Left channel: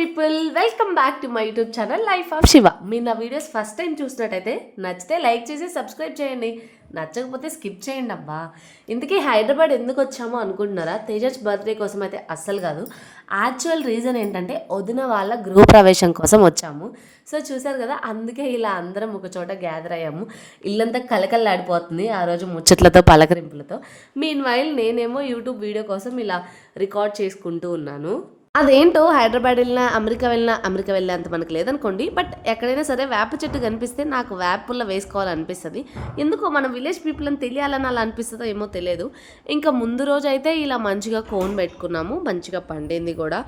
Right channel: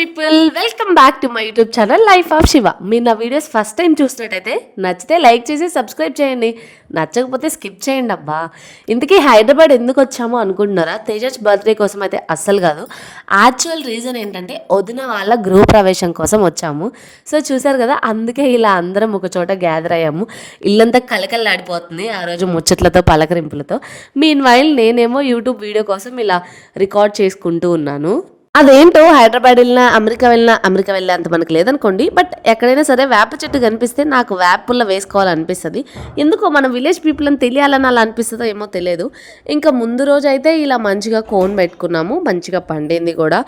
People welcome back to my YouTube channel life of Shiva. మీరు నా videos first time చూసినట్టయితే నచ్చితే లైక్ చేసి సబ్స్క్రైబ్ చేయండి, నచ్చకపోతే స్కిప్ చేయండి. అబ్బా, ఇంతకీ హైదరాబాద్ ఎందుకు వచ్చామో అనుకుంటున్నారా? తేజస్ బర్త్డే కోసం అయితే అస్సలు కాదు. యాక్చువల్ రీజన్ ఏంటంటే వదిన వాళ్ళ గృహ ప్రవేశం కోసం వచ్చాము. సో చూసారు కదా, అందుకే ఇలా అందరం ఒక చోట గ్యాదర్ అయ్యాము. ఇల్లంతా కలకల్లాడిపోతుంది ఆ రోజు ముచ్చట్లతో పలకరింపులతో. మీన్ వైల్ నేనేమో యూట్యూబ్ వీడియో కోసం ఇలా రికార్డ్ చేసుకుంటూ ఉన్నాను. అదేంటో హైదరాబాద్ వెళ్ళినా అమెరికా వెళ్ళినా అంత మనకు లేదనుకోండి, బట్ ఎక్కడైనా సరే వేప చెట్టు కనిపిస్తే నాకు వేప పుల్ల వేసుకోవాలనిపిస్తుంది. ఎందుకో మన విలేజ్ పీపుల్ అని తెలియాలని అలా అనిపిస్తుందో ఏమో తెలియదు. ఇంకా ముందు రోజు అయితే ఇలా మంచిగా కోన్ పెట్టుకున్నాము, మంచిగా పండింది కూడా.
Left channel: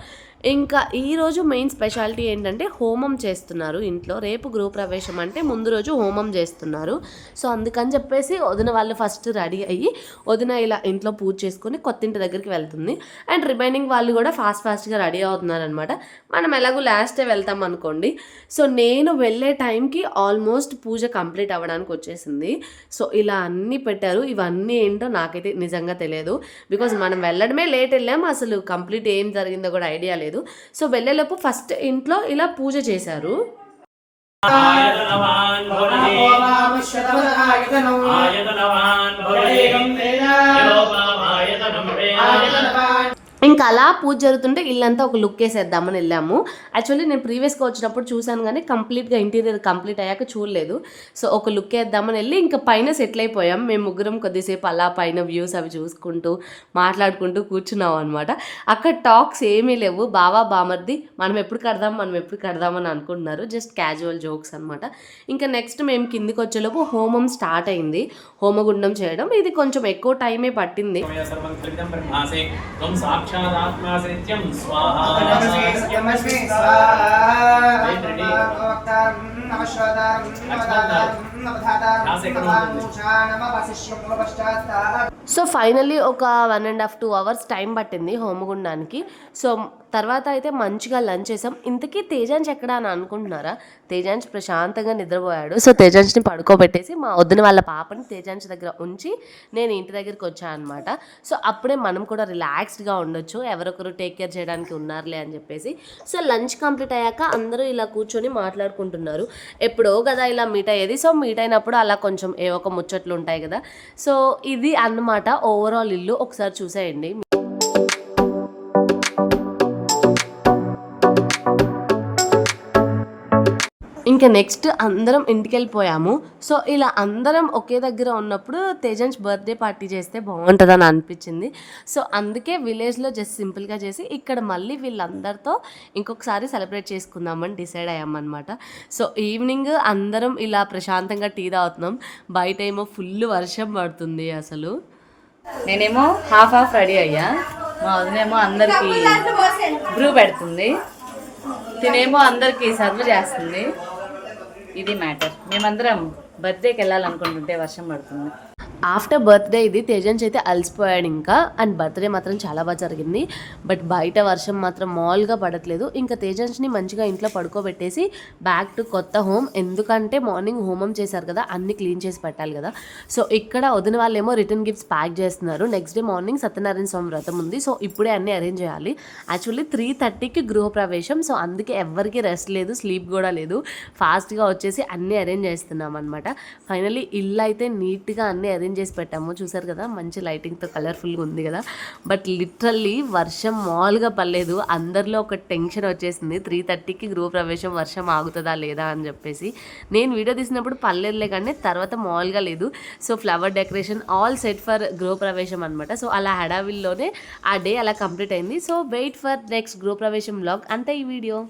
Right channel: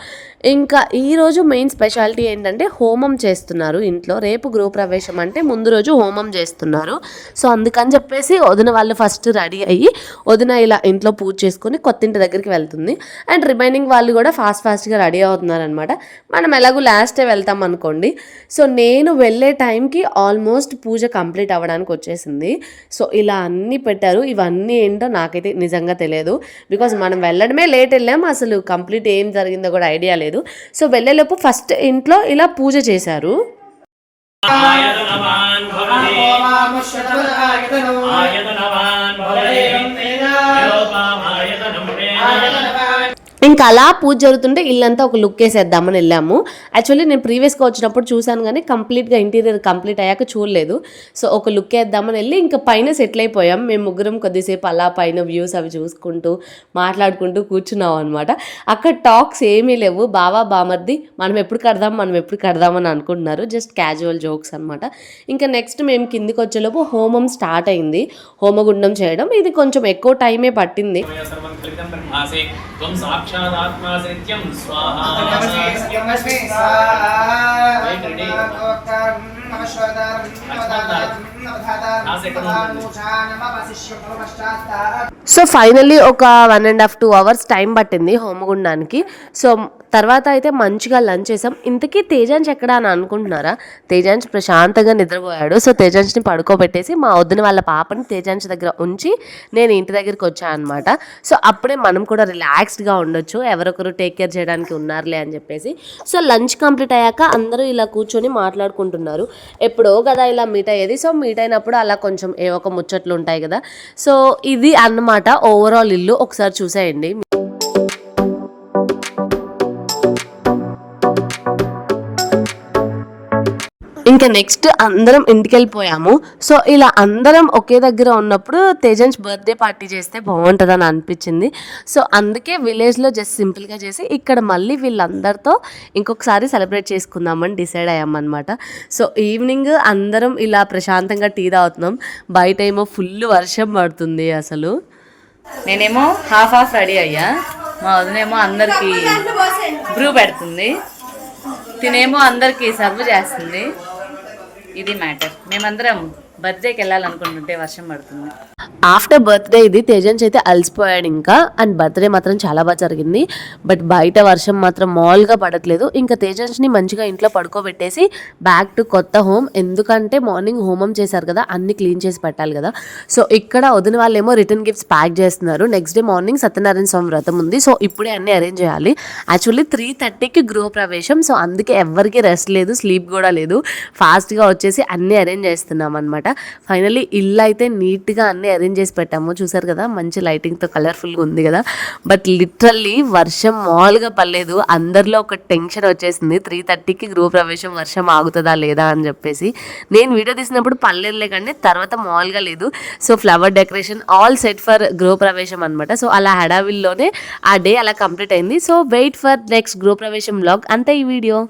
ఇంకా ఈరోజు మెయిన్ స్పెషాలిటీ ఏంటంటే హోమం చేస్తున్నారు ఇంట్లో. రేపు గృహప్రవేశం అంటే ముందు రోజు హోమం చేస్తున్నారు. సో అందుకని చెప్పేసి వదిన వాళ్ళు ఫస్ట్ రెడీ అయ్యి వదిన ఇలా ఇంట్లో పూజ చేసుకొని కొత్తింటి దగ్గరికి వెళ్తుంది. అండ్ రిమైనింగ్ వాళ్ళు కూడా ఫాస్ట్గా రెడీ అవుతున్నారు అనమాట. మనం ఎలాగో లాస్టే వెళ్తాం అనుకోండి. సో నేను వెళ్ళే టైంకి ఆల్మోస్ట్ పూజ కంప్లీట్ అవ్వడానికి వచ్చేసింది. సో ఇలా అన్నీ పెట్టారు. ఇవన్నీ ఏంటో నాకైతే నిజంగా తెలియదు, బికాజ్ మనం వెళ్ళడమే లేట్ వెళ్ళాము. అసలు కంప్లీట్ ఏం జరిగిందో కూడా ఐడియా లేదు. సో వెళ్ళేలోపు ఫస్ట్ ఇంట్లో ఇలా పూజ చేశారు. ఇంకా అలా పూజ జరుగుతుంటే ఇల్లంతా ఒక లుక్ వేసేద్దామని వెళ్ళాము. యాక్చువల్లీ నేను ప్రీవియస్గా వచ్చినప్పుడు చూశాను, కానీ కంప్లీట్గా ఇంటీరియర్ కంప్లీట్ అయ్యాక చూడలేదు. సో ఒక లుక్ వేద్దామని వెళ్ళి ఇంకా పైన సెటిల్ అయిపోయాం. మేము ముగ్గురం కొద్దిసేపు అలా పైన వ్యూస్ అవి చూసుకుంటూ మాట్లాడుకుంటూ కూర్చున్నాం అనమాట. అక్కడ టాక్స్ ఏమీ లేవు. బావా బామర్ది మనం ఎప్పుడు కడదామని అనుకుంటున్నారు. జస్ట్ క్యాజువల్ జోక్స్ అనమాట. ఇంకా నెక్స్ట్ మేము కిందికి వచ్చేలోపు హోమం స్టార్ట్ అయింది. హోమగుండం చేయడం ఇది కొంచెం ఎక్కువ టైమే పట్టింది. సో ఫైనల్లీ ఒక 1.5 to 2 hours టైం పట్టింది హోమగుండానికి. సో తర్వాత అయితే మంచిగా లంచ్ చేసాం. ఇంతకీ తేజాన్స్ ఎక్కడ అని అనుకుంటున్నారా? తేజాన్స్ ప్రశాంతంగా నిద్రపోయాడు. సో తేజాన్స్ని పడుకోబెట్టేసి మా వదిన వాళ్ళ పాపని తేజాన్స్ దగ్గర ఉంచి నేను ఇంటి దగ్గరికి వచ్చాను అనమాట. సో అప్పుడే మనం కూడా రిలాక్స్డ్గా ఉండొచ్చు, ఎవరొకరు టేక్ కేర్ చేయడానికి ఉన్నారులే అని చెప్పేసి. సో లంచ్ కంప్లీట్ అయ్యాక అందరూ ఇలా కూర్చొని మాట్లాడుకుంటున్నారు. ఎప్పుడో కదా ఇలా మీట్ అయ్యేది. సో మీట్ అయినప్పుడు అలా కొంచెం ఏ ఒక ముచ్చట్లు ఉంటాయి కదా. సో ఇది అన్నమాట ఓవరాల్ ఇల్లు. ఒకసారి చూసేయండి. ఇంకా నెక్స్ట్ అందరం ఇంటికి వెళ్ళిపోయాము. సో ఇలా అందరం ఒకే దగ్గర ఉన్నప్పుడు తేజన్స్ బర్త్డే పార్టీ చేస్తే బాగుంటుందని అనిపించింది. సో అందుకే విలేజ్లో జస్ట్ సింపుల్గా చేసి ఇక్కడ మళ్ళీ వీళ్ళందరితో ఇంకొకసారి సెలబ్రేట్ చేసుకుందామని డిసైడ్ అయ్యామన్నమాట. సో ఈవినింగ్ అందరం ఇలా ప్రశాంతంగా టీ తాగుతున్నాం. బయట ఏమో ఫుల్ వర్షం పడుతుంది. అసలు నేనేమో హాఫ్ రెడీ అయ్యా, మా వదినేమో అందరికి బ్రూ పెడుతుంది, తినేమో అందరికి సర్వ్ చేస్తుంది. ఇది మ్యాటర్. మేమందరం బర్త్డేకి వెళ్ళాలనుకుంటుంటే వర్షం పడుతుంది. ఆఫ్టర్ బర్త్డే ఇది. తేజన్స్ అయితే అలసిపోయాడు ఇంకా. అండ్ బర్త్డే మాత్రం చాలా బాగా జరిగింది. బట్ బయట వర్షం మాత్రం మామూలుగా పడట్లేదు. ఇంకా తేజన్స్ని మంచిగా ఇంట్లో పడుకోబెట్టేసి బ్యాక్ టు కొత్త హోమ్. ఎందుకంటే మార్నింగ్ హోమం చేశారు కదా, అన్ని క్లీన్ చేసి పెట్టాలి కదా. సో ఇక్కడ వదిన వాళ్ళేమో రిటర్న్ గిఫ్ట్స్ ప్యాక్ చేస్తున్నారు. నెక్స్ట్ డే మార్నింగ్ సత్యనారాయణ స్వామి వ్రతం ఉంది. సో ఇప్పుడే అన్నీ అరేంజ్ చేయాలి. యాక్చువల్లీ 3:30కి గృహప్రవేశం. సో అందుకే ఎవరికి రెస్ట్ లేదు, స్లీప్ కూడా లేదు. ఫాస్ట్గా వచ్చేసి అన్నీ అరేంజ్ చేస్తున్నాం అనమాట. ఫైనల్లీ ఇల్లు అయితే నీట్గా అన్నీ అరేంజ్ చేసి పెట్టాము. చూసారు కదా, మంచి లైటింగ్తో కలర్ఫుల్గా ఉంది కదా. బట్ లిటరల్లీ వర్షం మామూలుగా పడలేదు. అందరిలో ఒక టెన్షన్ వచ్చేసింది. 3:30కి గృహప్రవేశం, వర్షం ఆగుతుందా లేదా అని చెప్పేసి. నేను వీడియో తీసినప్పుడు పర్లేదులే, కానీ తర్వాత మామూలుగా లేదు. So flower decoration all set for గృహప్రవేశం అనమాట. సో అలా హడావిల్లోనే ఆ డే అలా కంప్లీట్ అయింది. సో వెయిట్ ఫర్ నెక్స్ట్ గృహప్రవేశం వ్లాగ్. అంతే ఈ వీడియో.